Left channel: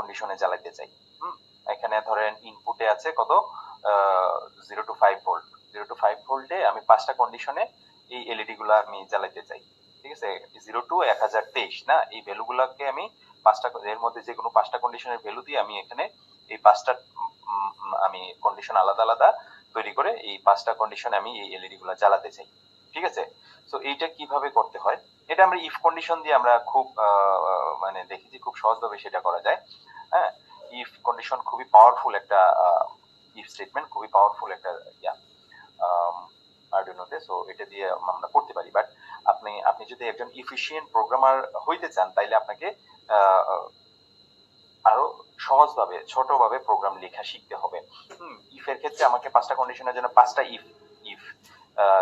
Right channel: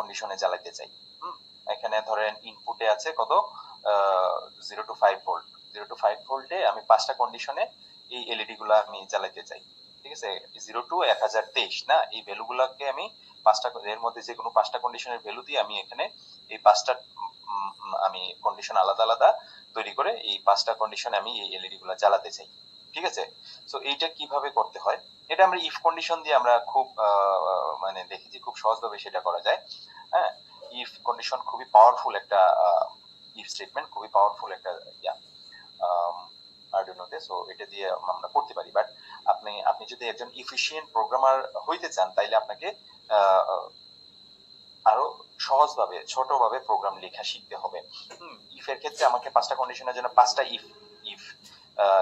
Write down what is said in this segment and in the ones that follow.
কন্ডিশনে জ্বালাইতে চাই। এখানে ধরেন ইনপুটে আছে কত 0 to 5 ভোল্ট, 0 to 5 ভোল্টে আমি 5টা কন্ডিশনে এই এলইডি গুলো আমি জ্বালাইতে চাই। ঠিক আছে, 0 to 1023 না, এই ভ্যালু গুলাকে আমি 5টা, এর মধ্যে যে কোনো 5টা কন্ডিশনের ভ্যালু দিয়ে আমি এখানে এই 5টা আমি কন্ডিশন আলাদা আলাদা তৈরি করে এই 5টা কন্ডিশনে আমি এই এলইডি গুলা জ্বালাতে চাই। ঠিক আছে, সো এইটা কিভাবে করতে হয়, এটা আমরা ইফ কন্ডিশন দিয়ে আমরা খুব মানে দেখেছি খুব সহজভাবে সেটা করা যায়। হ্যাঁ, ইফ কন্ডিশন খুবই পাওয়ারফুল একটা ইফ স্টেটমেন্ট, খুবই পাওয়ারফুল একটা ইয়া আরডুইনোতে, সো এটা দিয়ে আমরা করতে পারি। বাট আপনি যদি একজন ইফিশিয়েন্ট প্রোগ্রামার হইতে চান তাইলে আপনাকে আরো সহজভাবে ছোটভাবে প্রোগ্রাম লেখা শিখতে হবে। ইফ এর ক্ষেত্রে আমাকে 5টা কন্ডিশনের জন্য 5টা ইফ ইফ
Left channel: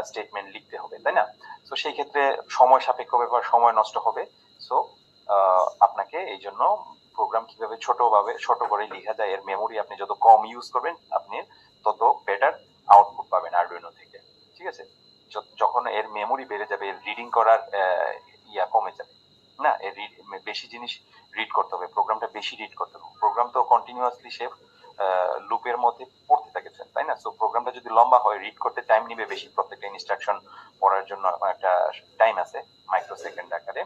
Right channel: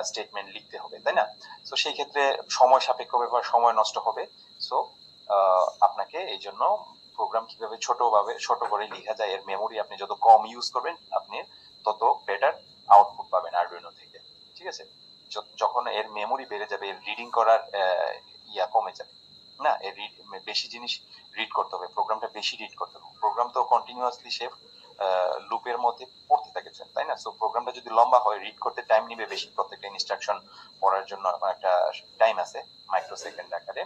স্টেটমেন্ট লিখতে হবে, তাই না? সো সেই ক্ষেত্রে সময় সাপেক্ষ ব্যাপার, সময় নষ্ট হবে। সো আপনাকে এই জন্য প্রোগ্রাম কিভাবে ছোট করে লেখা যায়, এর মেমোরি আপনি যত কম ইউজ করবেন আপনি তত বেটার আউটপুট পাবেন আরডুইনো থেকে। ঠিক আছে, যখন এর মেমোরি বেড়ে যাবে, এর রিডিং করার ইয়া কমে যাবে না, এর বেশি জিনিস রিড করতে হবে, প্রোগ্রামটা বেশি রিড করতে হবে। প্রোগ্রাম তো কন্টিনিউয়াসলি সে লুপের মধ্যে পড়তে থাকে, তাই না? সো প্রোগ্রামটা যদি লম্বা হয় রিড করতে টাইম নিবে বেশি, প্রত্যেকটা ইনস্ট্রাকশন পড়ার জন্য একটা টাইম আছে মাইক্রোসেকেন্ড আকারে,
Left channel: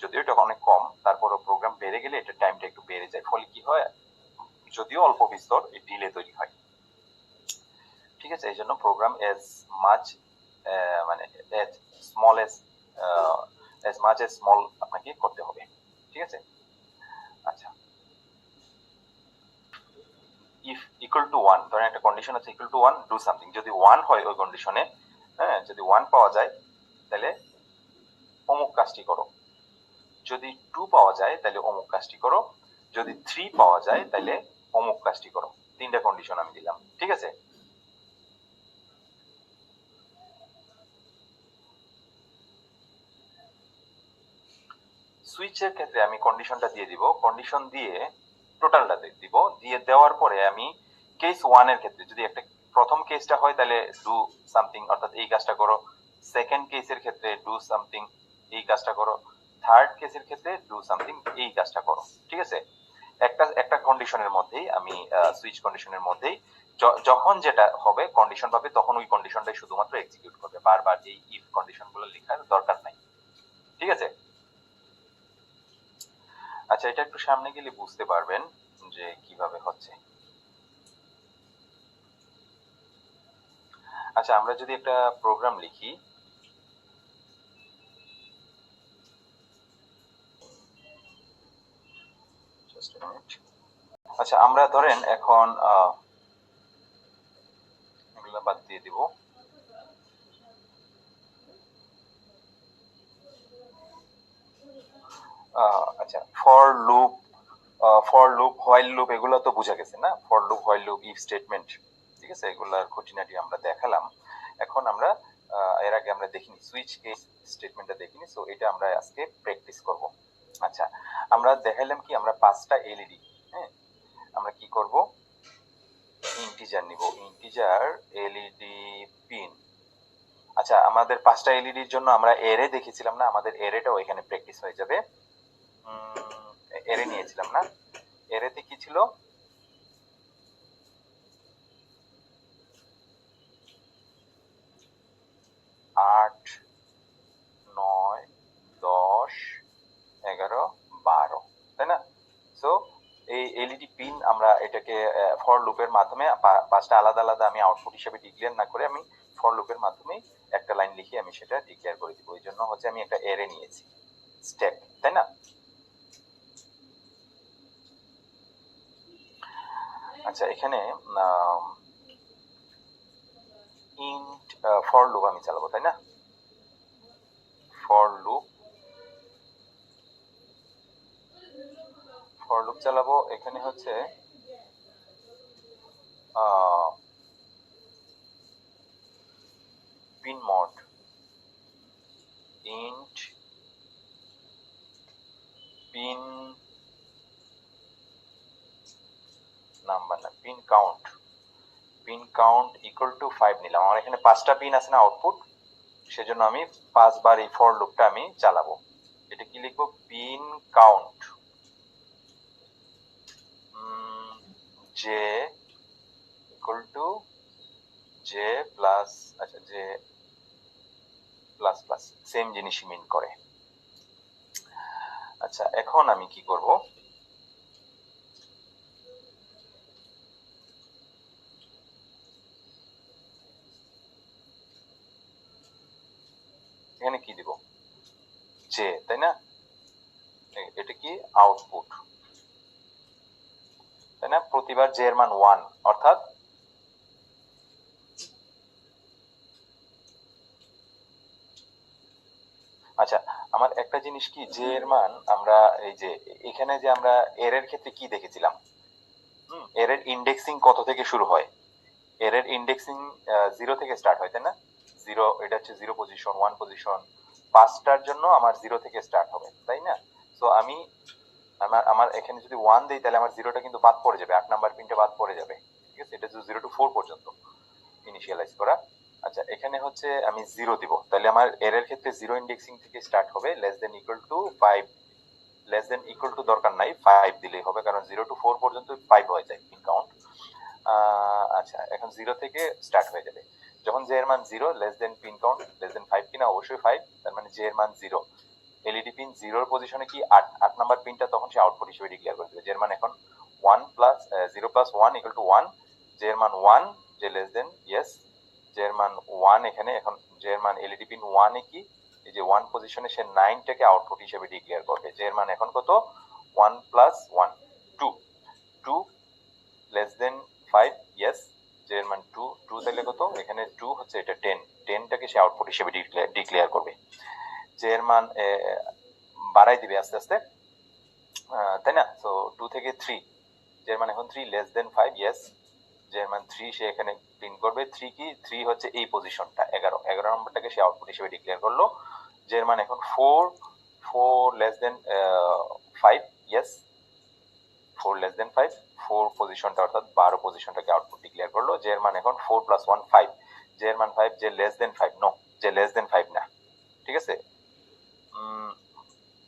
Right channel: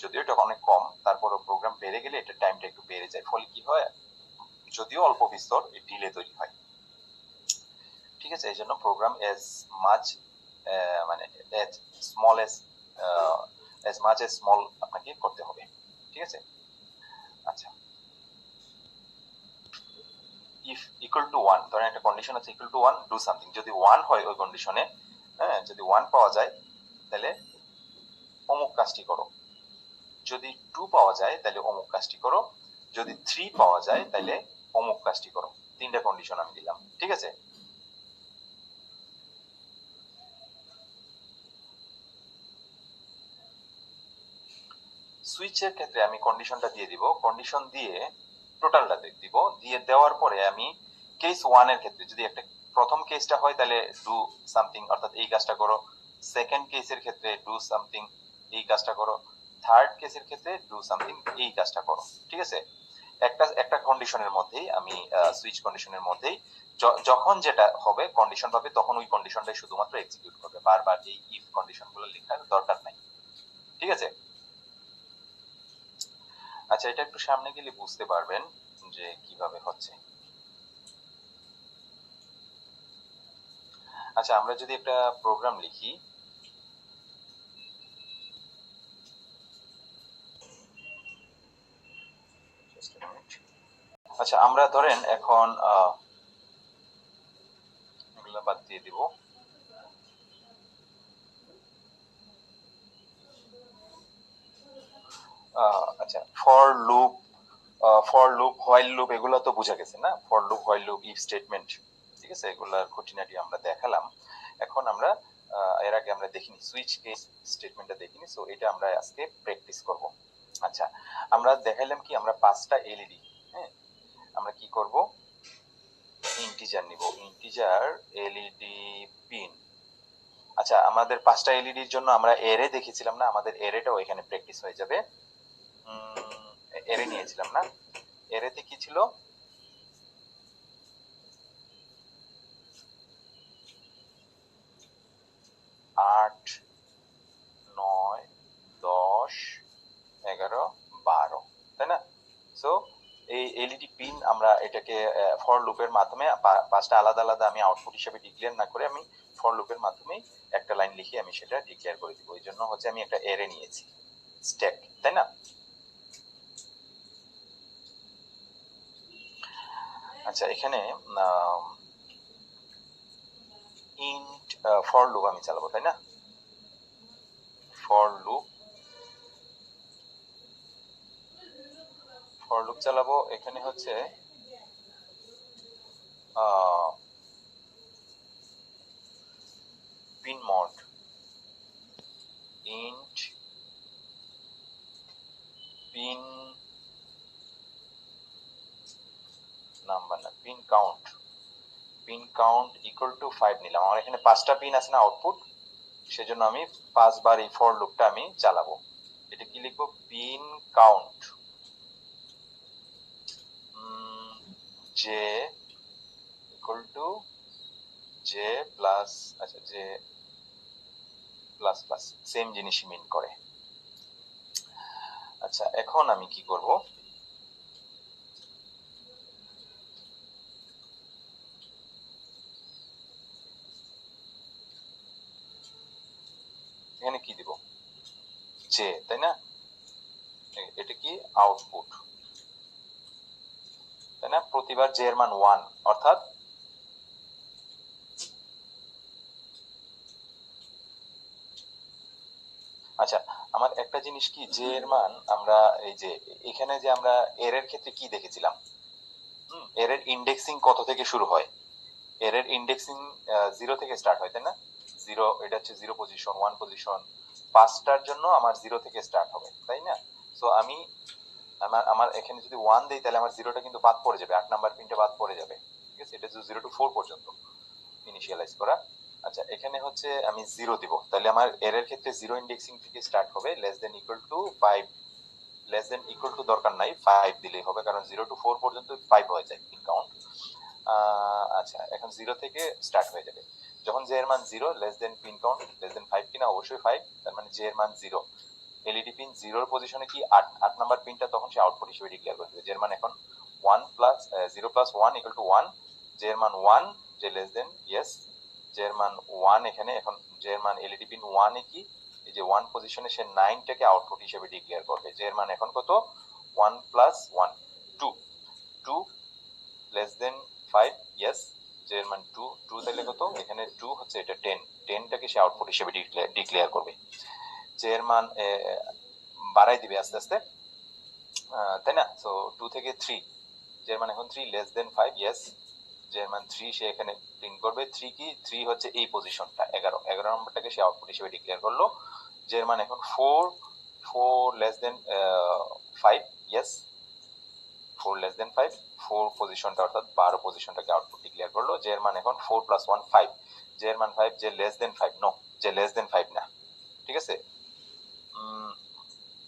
যদিও এটা অনেক কম, তারপরও প্রোগ্রাম বেড়ে গেলে এটা টাইমটা একটু বেড়ে যায়, ফলে কি হয়, যদিও অল্প বিস্তর ডিলে তৈরি হয়। ঠিক আছে, এই জন্য প্রোগ্রাম এজ মাচ মানে as small as much as small আপনাকে করতে হবে। ঠিক আছে, আচ্ছা, ইফ ইকুয়াল টু 1, ধরেন একটা কন্ডিশন আছে ইকুয়াল টু 1, ডু সামথিং। যদি 1 হয় ওই কন্ডিশনে, হ্যাঁ, যদি 1 পাওয়া যায় তাহলে অমুক কাজটি করো, যদি 2 পাওয়া যায় তাহলে অমুক কাজটি করো, যদি 3 পাওয়া যায় তাহলে অমুক কাজটি করো। 3টা কন্ডিশন আমি দিলাম। ঠিক আছে, সুইচের ক্ষেত্রে আমি কন্ডিশনটা দিয়ে দিব, কন্ডিশন দিয়ে টোটালটা দিব, দিয়ে দেওয়ার পরে আমি কেস 1 এর ক্ষেত্রে যদি একটা প্রথম কেসটা হয় তাহলে ডু সামথিং, অর্থাৎ এই কাজটা করো। সেকেন্ড কেসের ক্ষেত্রে ডু সামথিং, এই কাজটা করো। থার্ড কেসের ক্ষেত্রে ডু সামথিং, এই কাজটা করো। ঠিক আছে, একটা কন্ডিশনের মধ্যেই আমি সুইচ কন্ডিশনের মধ্যেই যখন যেটা হবে কন্ডিশন পাবে তখন ওই কন্ডিশনটাই শুধুমাত্র এক্সিকিউট করবে, বারবার এই ইফ কন্ডিশন গুলো লেখার দরকার নাই। ঠিক আছে, আচ্ছা, এটা একটু সামনে গেলে বুঝতে পারবেন যে কিভাবে হচ্ছে। আচ্ছা, আমরা যদি একটা প্রোগ্রাম লিখি, আচ্ছা, আমরা ধরেন এখন এগুলো বাদ দিয়ে দিব। আচ্ছা, ফর লুপ হোয়াইল লুপ এগুলো তো বোঝা গেছে না, for loop while loop if statement. ঠিক আছে, এগুলার খুঁটিনাটি আমরা দেখালাম। এখন আমরা এর আগে আমরা দেখিনি সুইচ কেস স্টেটমেন্টটা দেখিনি, সো এটা আমরা আজকে প্র্যাকটিস করব। আচ্ছা, আমরা দেখাইলাম কি, আমরা 5টা এলইডি, হ্যাঁ, আমরা কি করব, ইন্টিজার নিব, ইন্টিজার এলইডি পিন। আচ্ছা, আমাদের 5টা এলইডির জন্য আমরা এরে দেখেছিলাম না, আমাদের এরেটাও এখানে প্র্যাকটিস হয়ে যাবে। এরে নিয়েছিলাম না, এরেতে কি ছিল, 8, 9, 10, 11, 12, তাই না? সো এই এলইডি পিন আমরা এটাকে ফর লুপের মাধ্যমে 5টা আলাদা আলাদা আমি আউটপুট হিসেবে ডিক্লেয়ার না করে আমি ফর লুপের মাধ্যমে একটা লাইন লিখে আমি সেটা ডিক্লেয়ার করে দিব। এই জন্য হচ্ছে আমি একটা এরে নিয়েছি, স্ট্যাক, তাই না? আচ্ছা, এখানে ইন্ট ফর লুপ আমি চালাবো, তাই না? ফর লুপ চালাবো, এখানে হচ্ছে pin mod, int pin number না, পিন কাউন্ট ইকুয়াল টু 5 নিলাম। আমার এখানে 5টা পিন আছে না আউটপুট, সেজন্য আমি 5 বার এই ফর লুপটা আমি চালাবো। এটা কি লিখবো, pin count J equal to J plus, আচ্ছা জে প্লাস প্লাস সেম জিনিসই মিন করে। আচ্ছা এখন আমি কি করব, এখানে কি দিব, জে, তাই না? এটা কি আউটপুট, তাই না? প্রতিবার জে এর মান 1, অর্থাৎ আচ্ছা আমার একটা জিনিস কি, জে এর মান আমরা এই যে এখানে যে আমরা এর এর ক্ষেত্রে কি দেখেছিলাম, এর এর ইন্ডেক্সিং কত থেকে শুরু হয়? এর এর ইন্ডেক্সিং 0 থেকে স্টার্ট হয়, তাই না? 0, এটা হচ্ছে 0 পজিশন, 1 পজিশন, পাঁচটার জন্য আমার 0 থেকে স্টার্ট হবে, তাই না? সো আমি আমার এখানে যদি 1 দেই তাহলে আমার 0টা কিন্তু বাদ পড়ে যাবে, 8 নাম্বার পিনটা বাদ পড়ে যাবে, ঠিক আছে? এটা 0 টু 4 পর্যন্ত ইনিশিয়ালাইজ করা। আচ্ছা এখানে হচ্ছে আমি 0 দিব, তাহলে আমার এর এর ক্ষেত্রে 0 ইন্ডেক্সিং থেকে স্টার্ট হবে, less than equal to 5, less than equal to দরকার নাই, 5 দিলেই হবে, কারণ 0 টু 4 পর্যন্ত 5 হয়ে যায় পিন কাউন্ট। আচ্ছা এখন 0 থেকে স্টার্ট হয়ে যাবে, যখন জে এর মান 0, less than pin count less than 5 কিনা, অবশ্যই 5, তার মানে জে এর মান 0। এলইডি পিন 0 এর পজিশনে কি 8 নাম্বার পিনটা তখন সে আউটপুট হিসেবে ডিক্লেয়ার করে দেবে, জে এর মান এখন 1 plus 0 plus 1 equal to 1, J এর মান 1, জে লেস দেন ইয়েস, জে এর মান 1, এখানে এখন জে এর মান এলইডি পিন 1 এ কি এই যে 1 পজিশনে সে 9 টাকে আউটপুট হিসেবে ডিক্লেয়ার করবে, জে এর মান এখন কত, 1 plus 1 2, 2 less than 5 yes, J এর মান 2, 2 তাহলে কত, এখানে 2 হচ্ছে এটা 10, 10টাকে সে আউটপুট হিসেবে ডিক্লেয়ার করবে, জে এর মান বাড়াই দিবে আস্তে আস্তে, তাই না? সো 2 থেকে 3, জে এর মান এখন 3, লেস দেন 5 ইয়েস, জে এর মান 3 সে এখানে প্রিন্ট করবে, 3 কি 3 হচ্ছে এই পজিশনটা 11 নম্বরটাকে সে আউটপুট হিসেবে ডিক্লেয়ার করলো, জে এর মান এখন 4, 4 less than 5 yes, 4 less than 5, 4 পজিশনটা অর্থাৎ 12 পজিশনটাকে আউটপুট ডিক্লেয়ার করলো, জে এর মান এখন 4 প্লাস 1 5, জে এর মান 5, J less than 5 no, J less than 5 না, ঠিক আছে?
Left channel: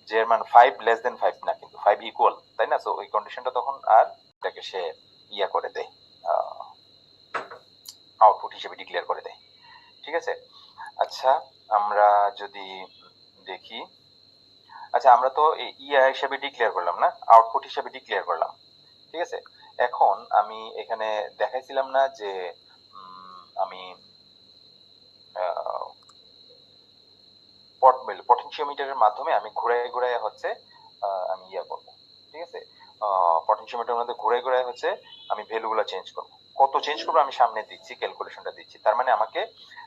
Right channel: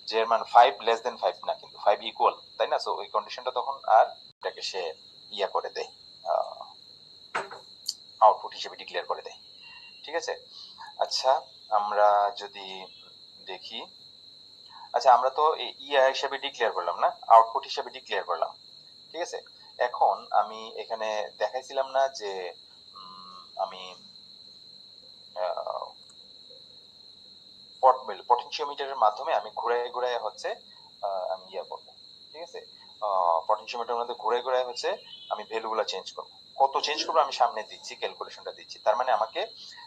জে এর মান 5 লেস দেন 5 না, কিন্তু 5 ইকুয়াল, তাই না? সো ওই কন্ডিশনটা তখন আর এটাকে সে ইয়া করে দেয়, আউটপুট হিসেবে ডিক্লেয়ার করে দেয়, ঠিক আছে? আচ্ছা আমরা যদি দেখি, আচ্ছা আমরা তো ইয়া হিসেবে ডিক্লেয়ার করলাম না, আউটপুট হিসেবে ডিক্লেয়ার করলাম, ঠিক আছে? এখন আমি এখানে দেখাইছিলাম না যে আমি পটেনশিওমিটারের মাধ্যমে আমি ঘুরাই ঘুরাই হচ্ছে আমি ইয়া করবো, ঠিক আছে? পটেনশিওমিটারের মধ্যে ঘুরাই ঘুরাই হচ্ছে আমি ভ্যালুগুলো চেঞ্জ করবো, কত চেঞ্জ করবো আমি সামনে দিচ্ছি, ক্যালকুলেশনটা দিচ্ছি, তার মানে আমাকে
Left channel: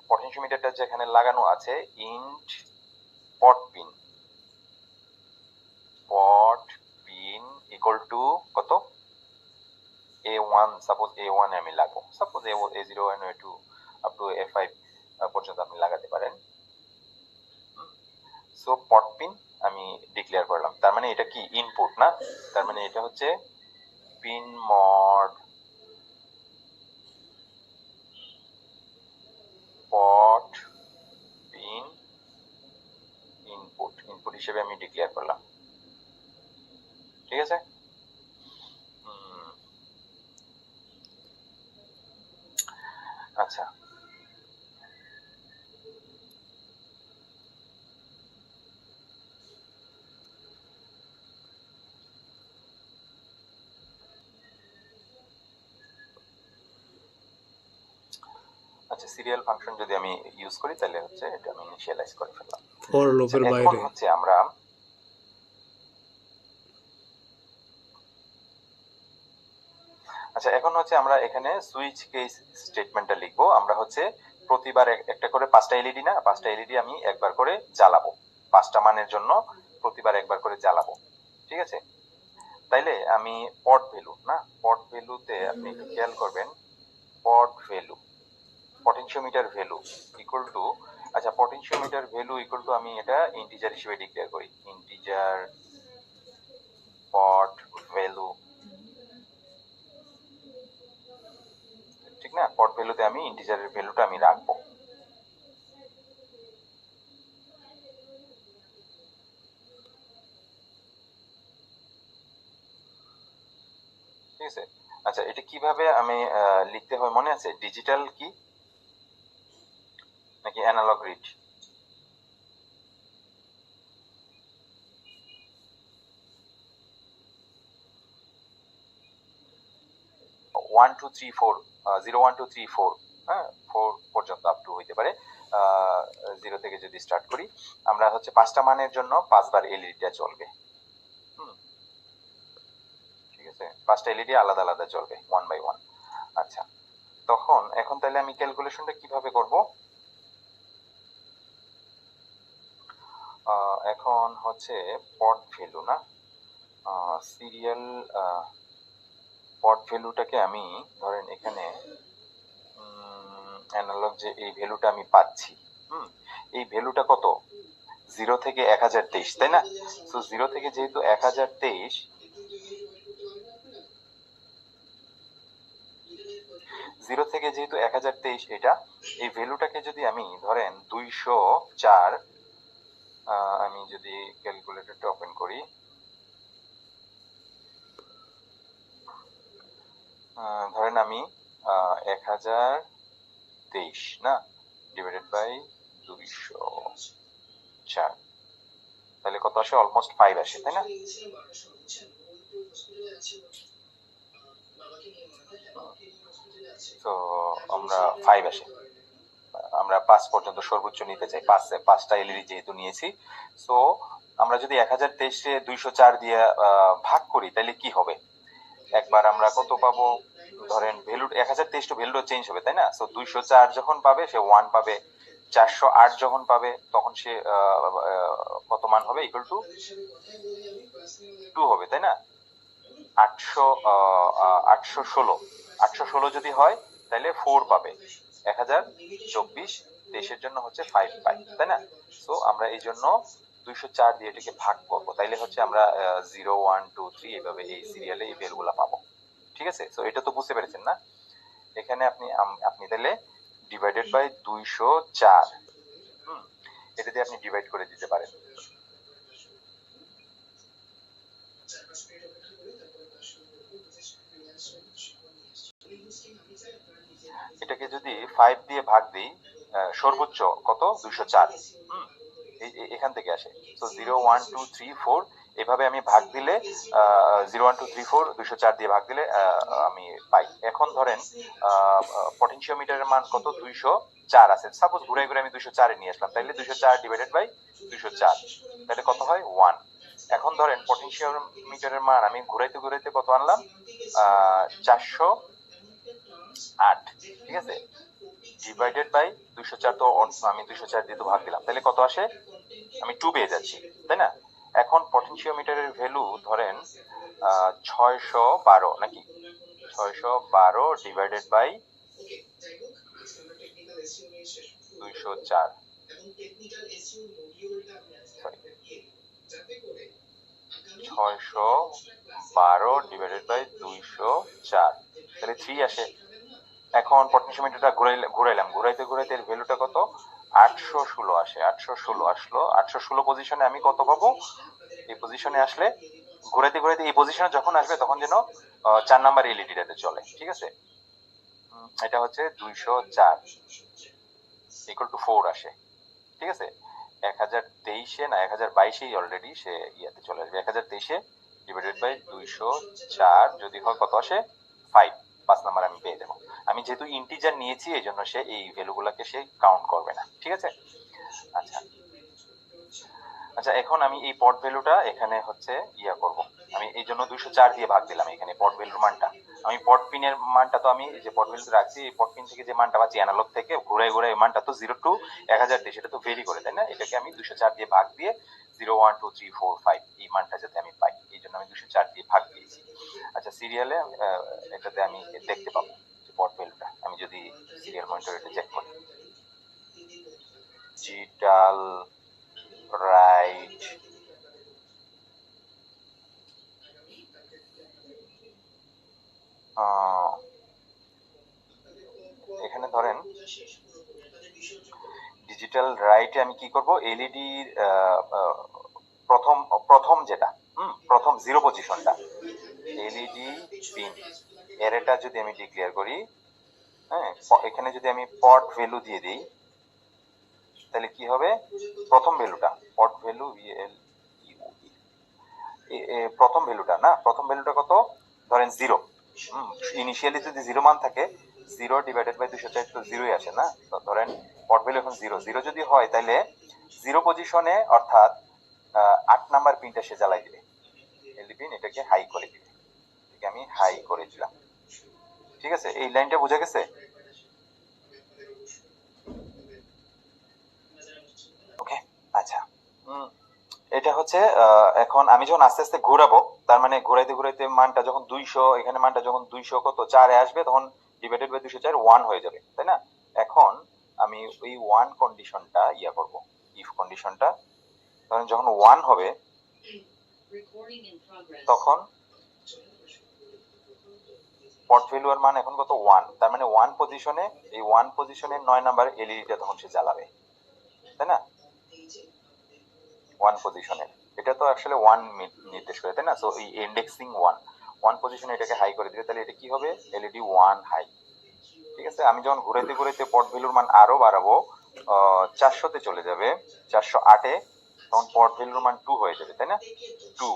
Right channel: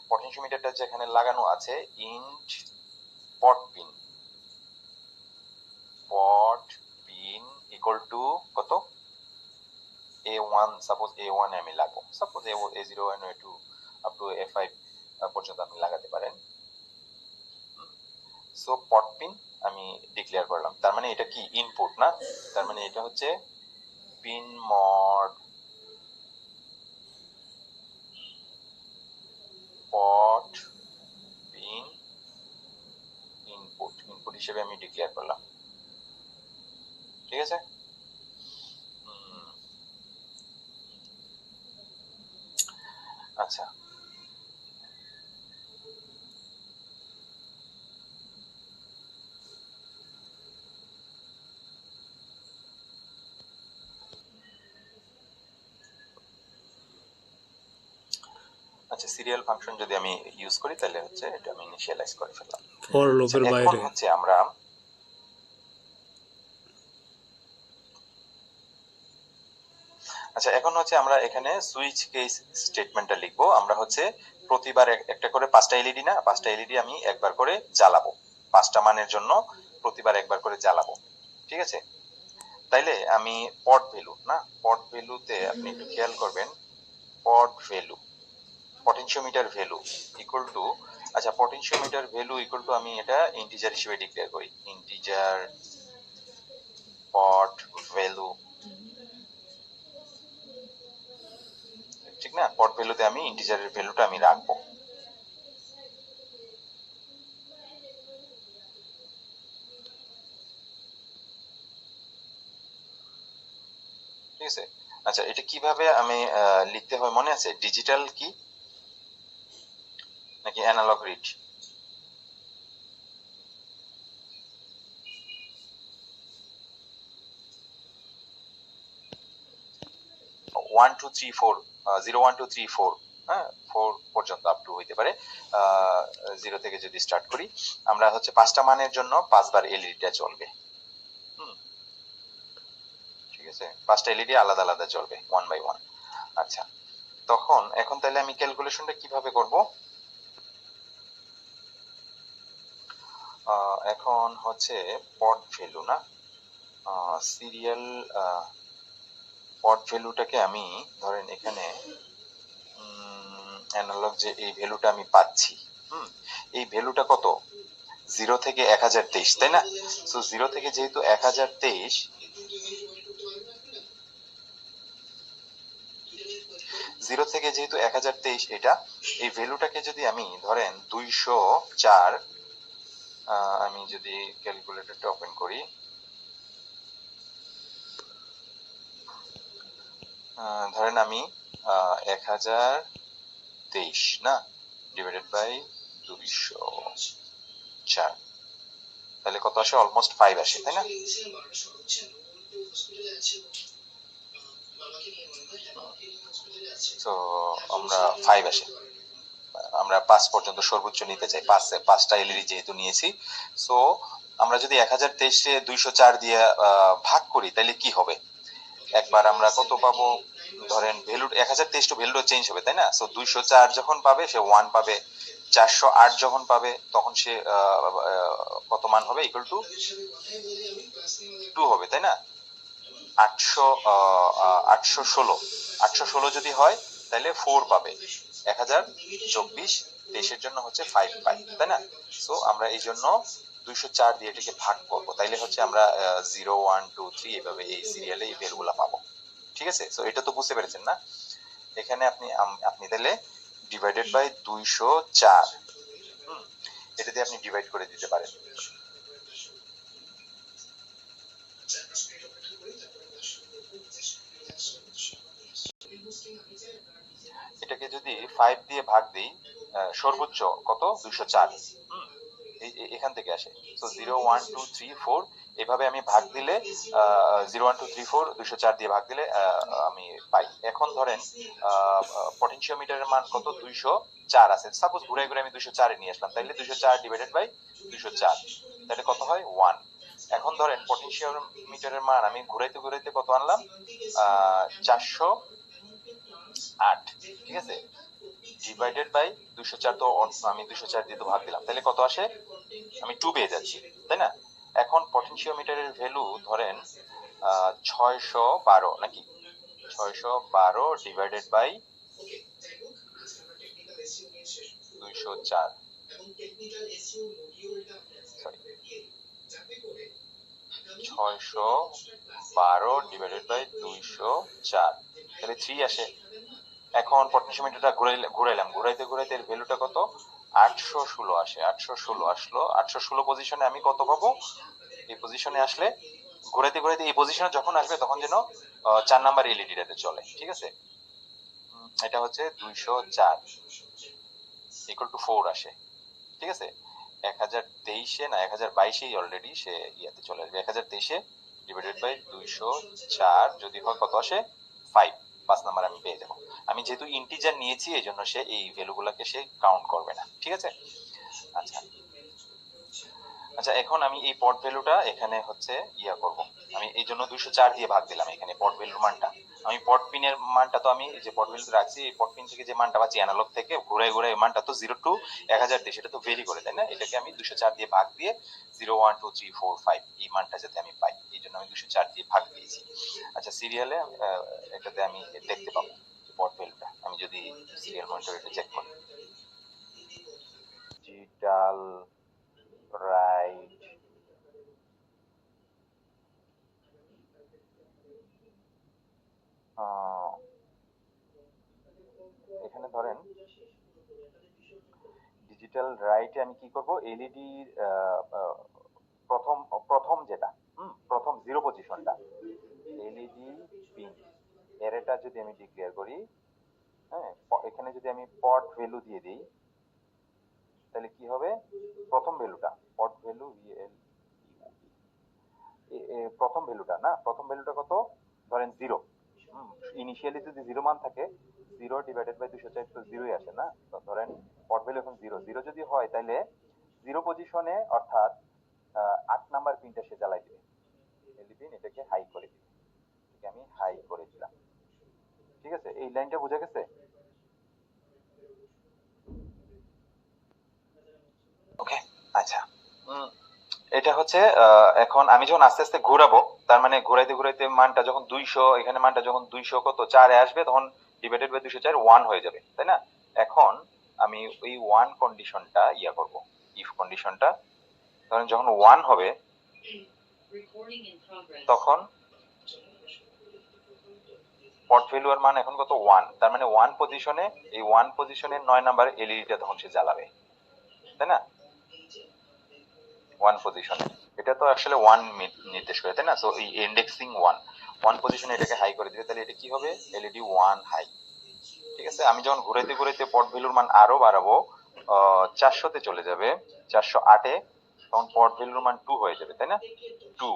পটেনশিওমিটারটা যেখানে লাগানো আছে int pot pin, pot pin equal to কত, A1, সাপোজ A1 এ আমি লাগাবো, suppose A0 A2 up to A5 পর্যন্ত আপনি লাগাতে পারেন। সো পট পিন আমি ডিক্লেয়ার করলাম, তার মানে এটা কি ইনপুট না, তার মানে এটা হচ্ছে পিন মড পট পিন ইনপুট, ইনপুট হিসেবে আমি ডিক্লেয়ার করলাম, ঠিক আছে? আচ্ছা আচ্ছা সিরিয়াল ফাংশন যদি আমি ইউজ করি তাহলে হচ্ছে এটা আমি ইনিশিয়ালাইজ করে ফেললাম, ফর লুপের এখন বাইরে হচ্ছে আমরা আচ্ছা এখন হচ্ছে আমরা এখানে সুইচ কেস স্টেটমেন্টটা লিখবো, আমরা হচ্ছে প্রতিবার একটা করে 5টা এলইডি না, 5টা এলইডি আমি একবার করে জ্বালাবো, 5টা মানের জন্য প্রতিবার একবার করে জ্বালাবো, ঠিক আছে? তাইলে আমি পট ভ্যালু না, পট ভ্যালুতে আপনি একটু খেয়াল করবেন, pot value potentiometer value equal to, আচ্ছা পটেনশিওমিটার ভ্যালু ইকুয়াল টু আমি এটা ইন্টিজার হিসেবে ডিক্লেয়ার করি, ইন্টিজার পট ভ্যালু, ঠিক না? পট ভ্যালুতে আমি ইন্টিজারের ভ্যালুটা আমি রাখবো, ঠিক আছে? আচ্ছা, এটা কিভাবে আমি লিখতে হয় মনে আছে? ডিজিটাল কি নাকি অ্যানালগ রিড? 1 2 3 4 0 1 2 3 4, হ্যাঁ 4 পর্যন্ত আপ টু হইতে পারে। 0 থেকে যদি স্টার্ট করি, আমরা হচ্ছে 5টা মানের জন্য 5 বার এলইডিটা চলবে। ঠিক আছে, 5টা এলইডি আলাদা আলাদা চলবে 1 বাই 1। আচ্ছা, তখন এখন তাহলে আমি ক্যালকুলেশনটা কিভাবে করব? এখন হচ্ছে পট ভ্যালু না, সিরিয়াল পট ভ্যালুটাকে আমি ধরেন এখানে অ্যানালগ যে এই ভ্যালুটা আমি পাচ্ছি, এই ভ্যালুটা কত? 0 থেকে 1023, তাই না? সো 0 থেকে যেহেতু 1023, 0 থেকে যেহেতু 1023 এটা, এই ভ্যালুটাকে যদি আমি ধরেন 204, আমি যদি ক্যালকুলেটরটা ওপেন করি, ধরেন আমি 1023 না ডিভাইডেড বাই 204, তাহলে কত আসে? অলমোস্ট 5 আসে, তাই না? তো আমরা 5 আসে, আমরা 5 পর্যন্ত সর্বোচ্চ নিতে চাই, 5টা এলইডি যেহেতু নিয়েছি। সো আমরা যদি 1023 কে 204 দিয়ে ভাগ করি তাহলে কি হবে? একবার আমরা কত পাবো? ধরেন ভ্যালু 1023 তো ভ্যালু চেঞ্জ হবে, তাই না? সো 204 যখন পাবে সে 1 পাবে, 408 যখন পাবে তখন সে কত মান হবে? ইকুয়াল টু 2 হবে, তাই না? 816 যদি হয় তাহলে 4 পাবে, 1024 23 জন্য হচ্ছে 5 পাই, তাই না? সো আমরা এই জন্য 204 দিয়ে এটাকে ভাগ করব, তাইলে হচ্ছে আমরা 0 1 2 3 এইভাবে এই সিরিয়ালে এই ভ্যালুগুলো পাবো। ঠিক আছে, সো এটা তো বুঝতে পেরেছেন না? এখানে আপনি আপনি তাহলে ডিভাইডেড বাই 204, এটা দিয়ে আপনি ডিভাইড করে দিতে পারেন। এটাকে যদি 5 দিয়ে ভাগ দিই, সর্বোচ্চ কত? 204, এখান থেকে আসে। সো 0 1 2 3 4 এভাবে আমি ভাগ দিলে 0 1 2 3 4 204 দিয়ে ভাগ দিলে আমি পাই। এখন ধরেন পটেনশিওমিটারের মান কত? 204 আছে, সাপোজ ঘুরে ঘুরে আমি 204 এ নিয়ে আসলাম, তাহলে 204 ডিভাইডেড বাই 204, তাহলে কত হয়? 1। এখন ধরেন পটেনশিওমিটারের মান আমি ঘুরাইতে ঘুরাইতে কত আনলাম? 408, ঠিক আছে, ডিভাইডেড বাই 204, তো আমি 204 দিয়ে তো ভাগ দিলাম, তাহলে কত আসে? আমি 2 পেয়ে যাচ্ছি, তাই না? এখন পটেনশিওমিটারের ভ্যালু ধরেন 612 নাকি, 612 divided by 204, sorry 612 divided by 204, তাহলে 3 আসে। এখন পটেনশিওমিটারটা ঘুরাইলাম, ঘুরাইতে ঘুরাইতে এর ভ্যালুটা কত? 816 আসে, 816 আসলো। 816 পজিশনে আমি কত পাবো? এই পজিশনে আসলে ঘুরাইতে ঘুরাইতে এই পজিশনে যখন আসবে তখন যেন 4 নাম্বার এলইডিটাতে চলে, ঠিক আছে? এটা হচ্ছে 204 ইকুয়াল টু 4 আসে, ঠিক আছে? 1023-এ না 1022-এই অলরেডি সে ইয়াতে চলে আসবে। 1023-এ ডিভাইডেড বাই 204 যদি হয় কত আসে? 5, 5 নাম্বার আমি পেয়ে যাবো। আমি যেহেতু ইন্টিজার নিয়েছি এই জন্য সে এই ভ্যালুগুলোকে সে কাউন্ট করবে না, ঠিক আছে? আচ্ছা আচ্ছা, এখন আমি এই পট ভ্যালুটা এখানে হচ্ছে ইয়া করব, আমি এই জন্য 204 দিয়ে ভাগ দিলাম এখানে পট ভ্যালুর মানটা। আমি পট পিনের মানটা তো আমি যে পট ভ্যালুতে রাখছি, এই পট পিন থেকে যে মানটা পাচ্ছি অ্যানালগ থেকে ঘুরে ঘুরে মানটা তো 0 টু 1023, সেটা তো ভেরি করে, তাই না? এটাকে আমি 204 দিয়ে ভাগ দিয়ে 0 1 2 3 4 5 এই মানটা যাতে আমি পাই, এই জন্য আমি 204 দিয়ে ভাগ দিয়েছি। আচ্ছা, সিরিয়ালে এটাতে আমি দেখতে পাবো পট ভ্যালুটা, আমি যদি সিরিয়াল মনিটর এটা চেক করি, ডিজিটাল রাইট এখানে ধরেন ডিজিটাল রাইটে আমি কি করব? এলইডি প্রথম প্রথম যেটা প্রথম 0 পজিশনটা, এলইডি পিন অ্যারেটা যদি আমি ডিক্লেয়ার করি, হ্যাঁ, এখানে যদি আমি পট ভ্যালু দিয়ে দিই, তাহলে কি হবে? প্রথম ভ্যালুটা পট ভ্যালু প্রথম ভ্যালুটা না, প্রথম ভ্যালুটা কত? ধরেন 0। ইনিশিয়ালি যদি 0 মান থাকে, 0 ডিভাইডেড বাই 204 তো 0ই আসে না। তো ধরেন পট ভ্যালু এখন 0 0 যদি হয়, তাহলে 0 পজিশনে অর্থাৎ 8 নাম্বার পিনটা সে জ্বালাই দিবে। এলইডি পিন এটাকে হাই করে দিবে। এটাকে আমি হাই করে দিলাম। ঠিক আছে, এই লাইনটা বোঝা গেছে? ওকে, আচ্ছা। এটা হচ্ছে এখন আমি যখন আস্তে আস্তে ঘোরাবো, তার মানে ঘোরাইতে ঘোরাইতে মানটা যখন 200, এখানে মানটা যখন 200 কত 4 এ আসবে, তখন ডিভাইডেড বাই 204 1 হয়ে যাবে, তাই না? এখন আমি ওই 1 কন্ডিশনটা ইয়া করব, ইফ কন্ডিশনটা ধরেন যখন 1 হবে, তখন পট ভ্যালুর মান এখন কত? 1। তার মানে 1 পজিশনে, এই 1 পজিশনের 9 নাম্বার এলইডিটা তখন সে জ্বালাবে, তাই না? 1 পজিশনে এটা তো আসলে 1 নির্দেশ করে, তাই না? সো এই ইন্ডেক্সিং 1 পজিশনে এটাকে হাই করে দিবে, তাহলে এটা কি হবে? LED 1 high. ঠিক আছে, আমি যখন ঘুরাইতে ঘুরাইতে পট ভ্যালুর মান আরো বাড়াবো, 400 তে চলে যাবে, 408 এ, তখন পট ভ্যালুর মান 2 হয়ে যাবে, তাই না? 2,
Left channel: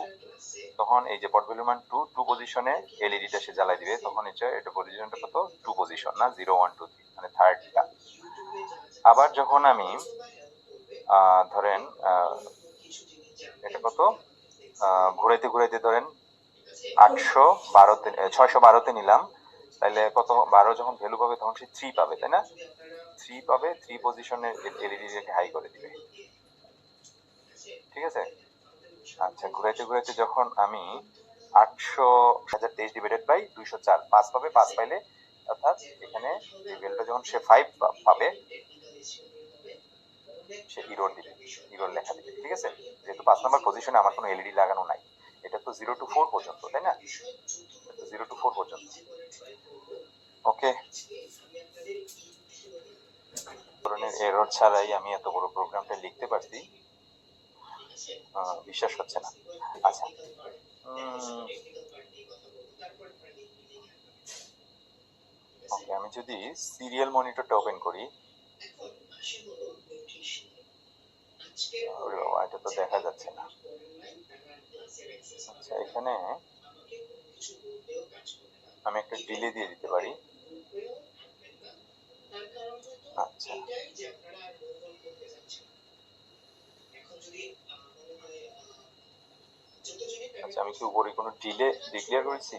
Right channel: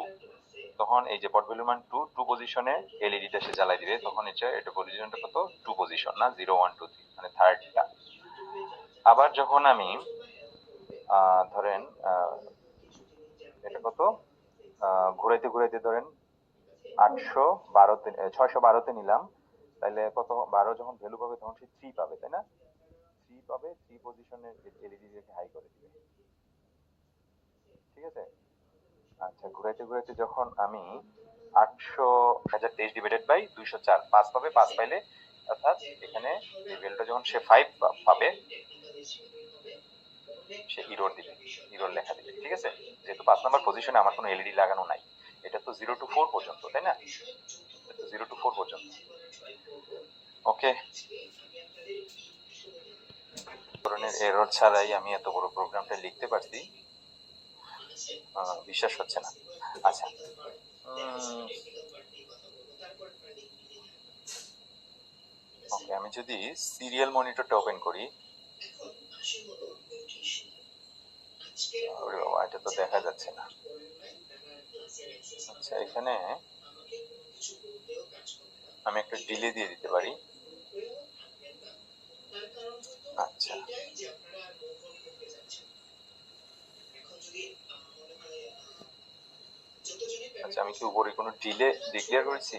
তখন এই যে পট ভ্যালুর মান 2 পজিশনে এলইডিটা সে জ্বালাই দিবে, তখন এটা পজিশনটা কত? 2 পজিশন না, 0 1 2 3, মানে থার্ডটা। আবার যখন আমি ধরেন এটা কত, ঘুরাইতে ঘুরাইতে ধরেন 612তে নিলাম, তাহলে কত? 12 যখন ভ্যালু পাবে, তখন সে 3 পাবে, তাই না? 3 পাবে, 3 পজিশনে এলইডি রেখে হাই করে দিবে। ঠিক আছে, আচ্ছা। ঘুরাইতে ঘুরাইতে যখন আমি 1023 ডিভাইডেড বাই 204 5 পাবে, 5 পাইলে অর্থাৎ এখানে এই ভ্যালুটা যখন সে 5 পাবে, সে ইরর দিবে, ইরর লেখা দিবে। ঠিক আছে, যেহেতু 5 নাম্বার পজিশনে আমার কোনো এলইডি লাগানো নাই, এটা তো 0 টু 4 পর্যন্ত, তাই না? 0 টু 4 পর্যন্ত। ওকে, ধরনের এরর ছাড়াই আমি এত বড় প্রোগ্রামটা লিখতে পারছি, বিশ্বাস হচ্ছে না। আচ্ছা, ওকে, আমি যদি সিরিয়াল মনিটরটা ওপেন করি, এটা তো দেখা যাচ্ছে না। আচ্ছা, এখানে আমি একটা ডিলে দিয়ে দিতে পারি। আচ্ছা, আচ্ছা, আমি কি উপরে কোনো ডিলে ডিক্লেয়ার করেছি?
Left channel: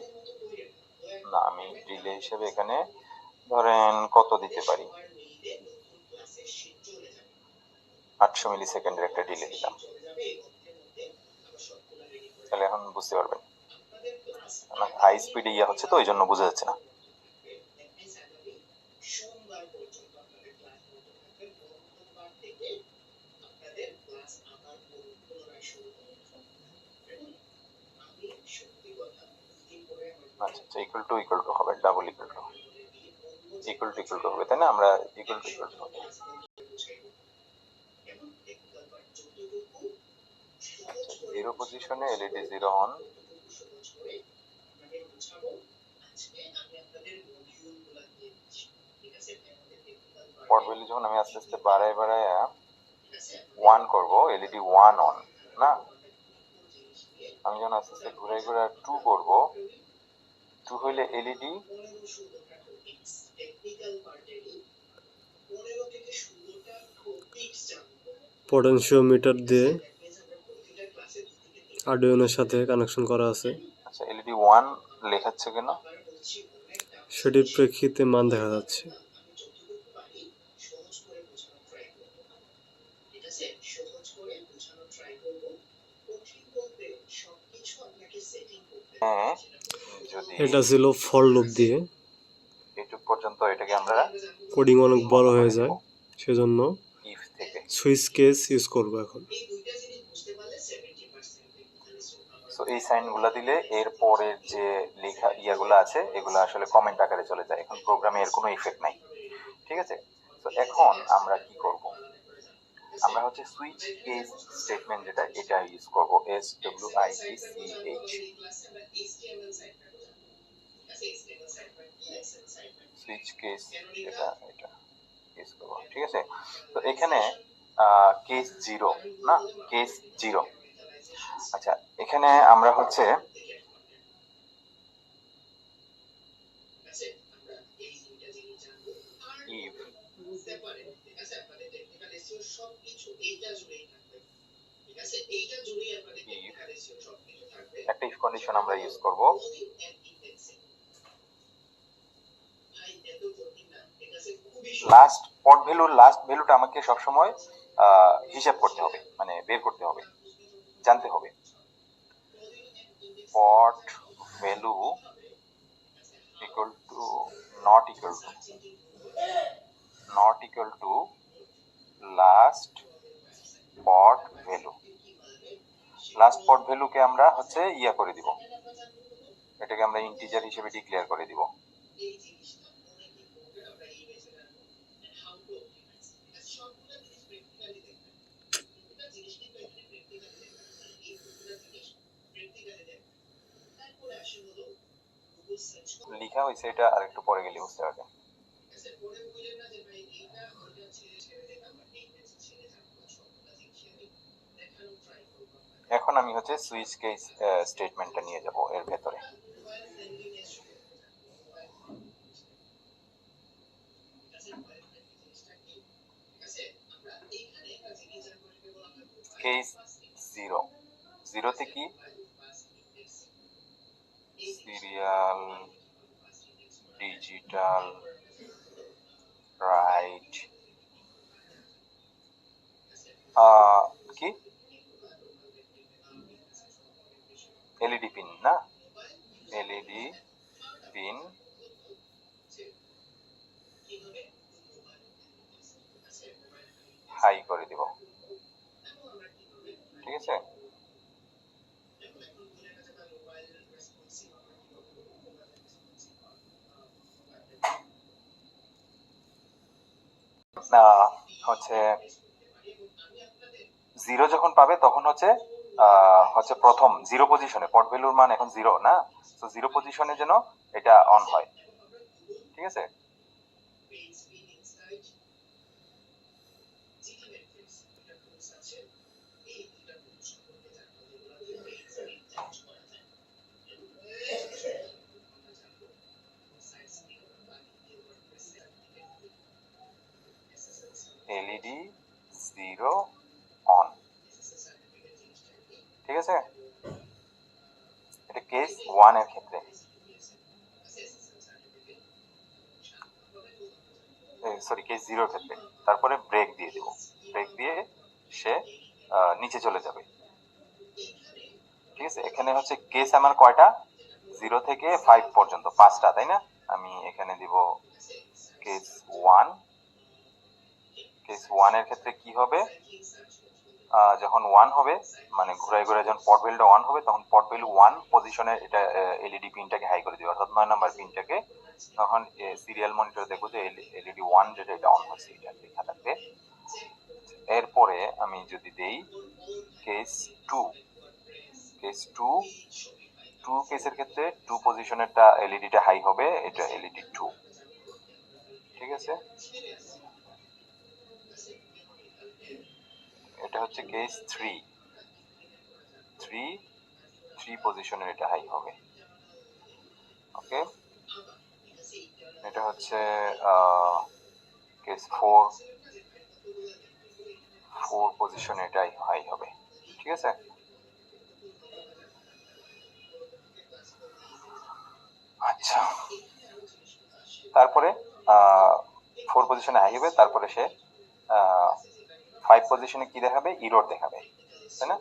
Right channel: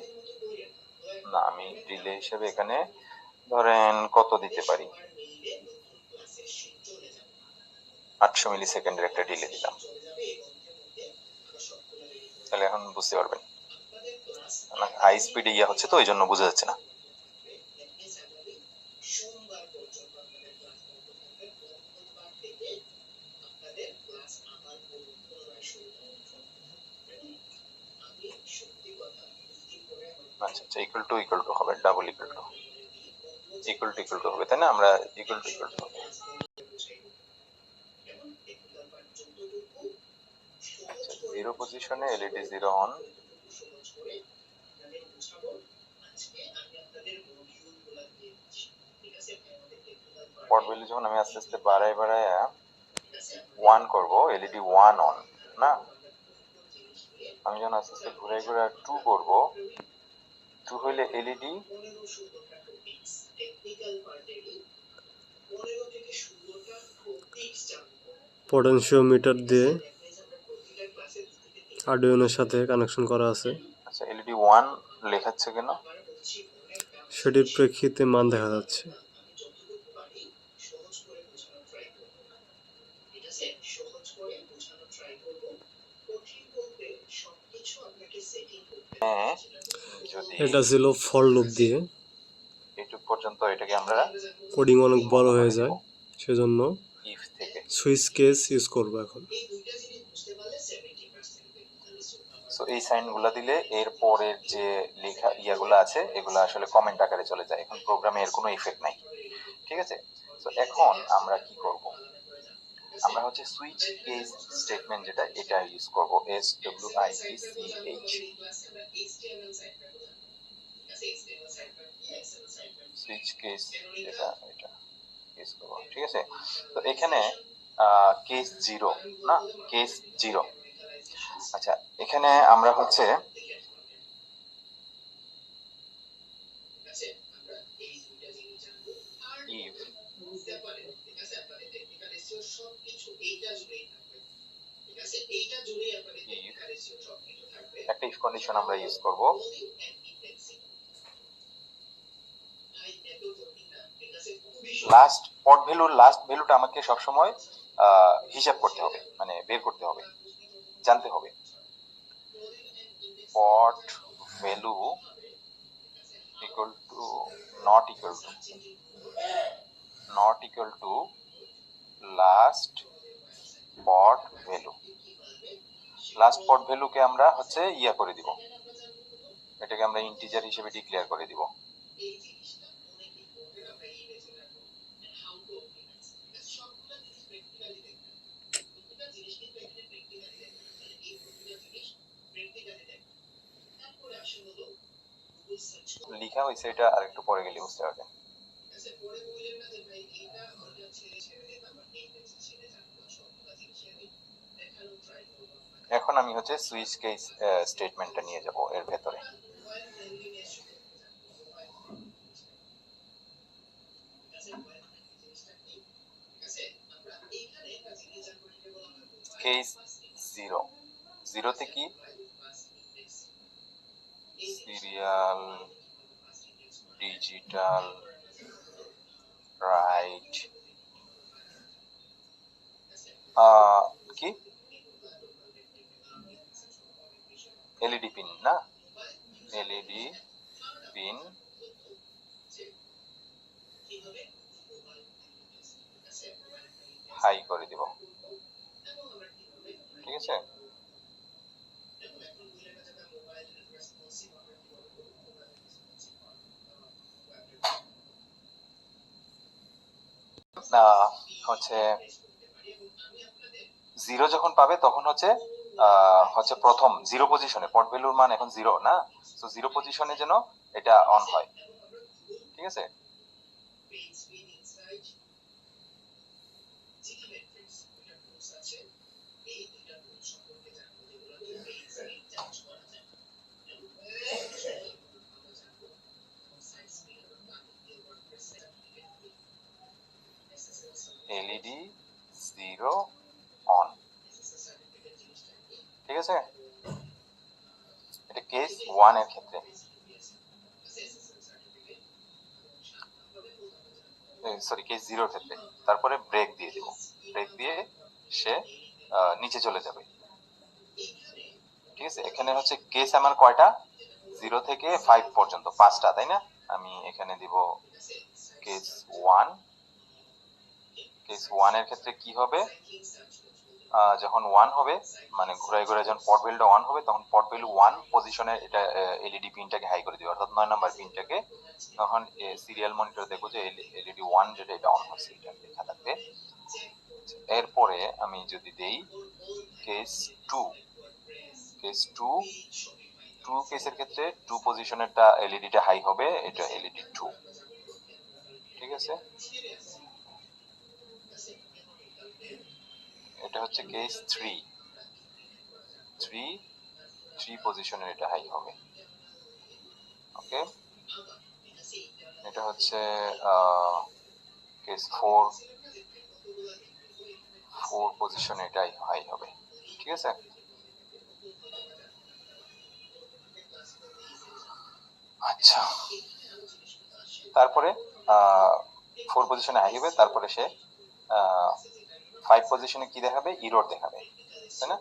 না, আমি ডিলে হিসেবে এখানে ধরেন কত দিতে পারি? 800 মিলি সেকেন্ডের একটা ডিলে দিলাম। তাহলে এখন বুঝতে পারবেন হাই স্পিডে ইয়া হচ্ছে, তো ওই জন্য বোঝা যাচ্ছে না। আচ্ছা, আচ্ছা, ইকুয়াল টু হবে, ডাবল ইকুয়াল টু হবে, তাই না? আমরা ইকুয়াল টু হবে। আচ্ছা, 0 পজিশনে এলইডি 0 অন। পট ভ্যালু যখন আমি আস্তে আস্তে বাড়ায় 1 করব, এলইডি 1 অন না। আমি যখন আস্তে আস্তে ঘুরে ঘুরে 2 করব, 2 হইলে এলইডি পটেনশিওমিটার দিয়ে আরডুইনোর সাথে কানেকশন করা আছে। আচ্ছা, এলইডি 1 লেখাচ্ছে কেন? সেটির প্রেক্ষিতে মান দেখা যাচ্ছে। এটা ছিল ফর লুপ দিয়ে, এটুক পর্যন্ত এটাকে আমরা কোডিং অনেক বড় হয়ে যায়, সেজন্য সুইচ কেস ইউজ করব এখন। সো এই সাইনগুলো দিলে এর পরের যে লেখা ইয়াগুলো আছে, এগুলো আসলে কমেন্ট আকারে চলে যায়। এখন প্রোগ্রামে এর কোনো ইফেক্ট নাই। ঠিক আছে, তো এখন আমরা কি করব? আমরা হচ্ছে সুইচ কেস স্টেটমেন্ট, যেটা এটা ইউজ করব, SWITCH। সুইচ কেস যেটা এটা কেস করব, ঠিক আছে। তো এখানে কেস 0 না, কেস 0। আচ্ছা, এখানে আমরা হচ্ছে if একটা ইফ কন্ডিশন আমরা ইউজ করব। লাস্ট পট ভ্যালুর লাস্ট ভ্যালুটা আমাকে সবসময় হিসাব করতে হবে, মানে বের করতে হবে, জানতে হবে। Pot value equal to not equal to last pot value. Last pot ভ্যালুকে আমরা হচ্ছে ইয়া করে দিব, এটাকে আমরা ইন্টিজার হিসেবে ডিক্লেয়ার করে দিব। লিখা হয়েছে, এটা আরেকটু পরে গেলে বুঝতে পারবেন। এখন আমি হচ্ছে সুইচ কেস স্টেটমেন্টটা নিয়ে যাব এর ভেতরে। কেস 0, 0তে কি সিরিয়াল ডিজিটাল রাইট কি এলইডি পিন না, এলইডি পিন হাই করে দিব, ঠিক আছে। হচ্ছে 0 যখন পাবে তখন হচ্ছে প্রথম 0 পজিশনে পট ভ্যালুর মান এখন 0 না, তো 0 পজিশনে যেন এটা অন হয়, ঠিক আছে। এলইডি 0 অন, ঠিক আছে। এটা কেস 1 এর ক্ষেত্রে, সরি কেস 0 এর ক্ষেত্রে। তারপরে ব্রেক দিয়ে দিব, ব্রেক দিয়ে সে নিচে চলে যাবে, ঠিক আছে। এখানে হচ্ছে কেস আমার কয়টা, 0 থেকে 5 পর্যন্ত 5টা, তাই না। আমি এখানে দিব কেস 1। কেস 1 এর ক্ষেত্রে কি হবে, যখন 1 হবে মানে ঘুরায় ঘুরায় যখন পট ভ্যালুটা 1 হবে তখন পট ভ্যালু 1 পজিশনে এটা এলইডি পিনটাকে হাই করে দিবে, অর্থাৎ 9 নাম্বার পিনটাকে। তখন সিরিয়াল মনিটর দেখবো যে এলইডি 1 যেটা এটা অন হয়েছে, এটা লেখা থাকবে। এরপরে আমি যদি দেই কেস 2, কেস 2 কেসের ক্ষেত্রে 2 পজিশনেরটা এলইডিটা হাই হবে, এটা এলইডি 2, ঠিক আছে। এটা হচ্ছে কেস 3 পজিশনের এটা হাই হবে, ওকে। এটা হচ্ছে কেস 4 পজিশনে এটাই হাই হবে, ঠিক আছে। আচ্ছা, তারপরে 4 পজিশনে হাই হবে, তারপরে সে 5 পজিশনে কি দেখাবে, ইরর দেখাবে, তাই না।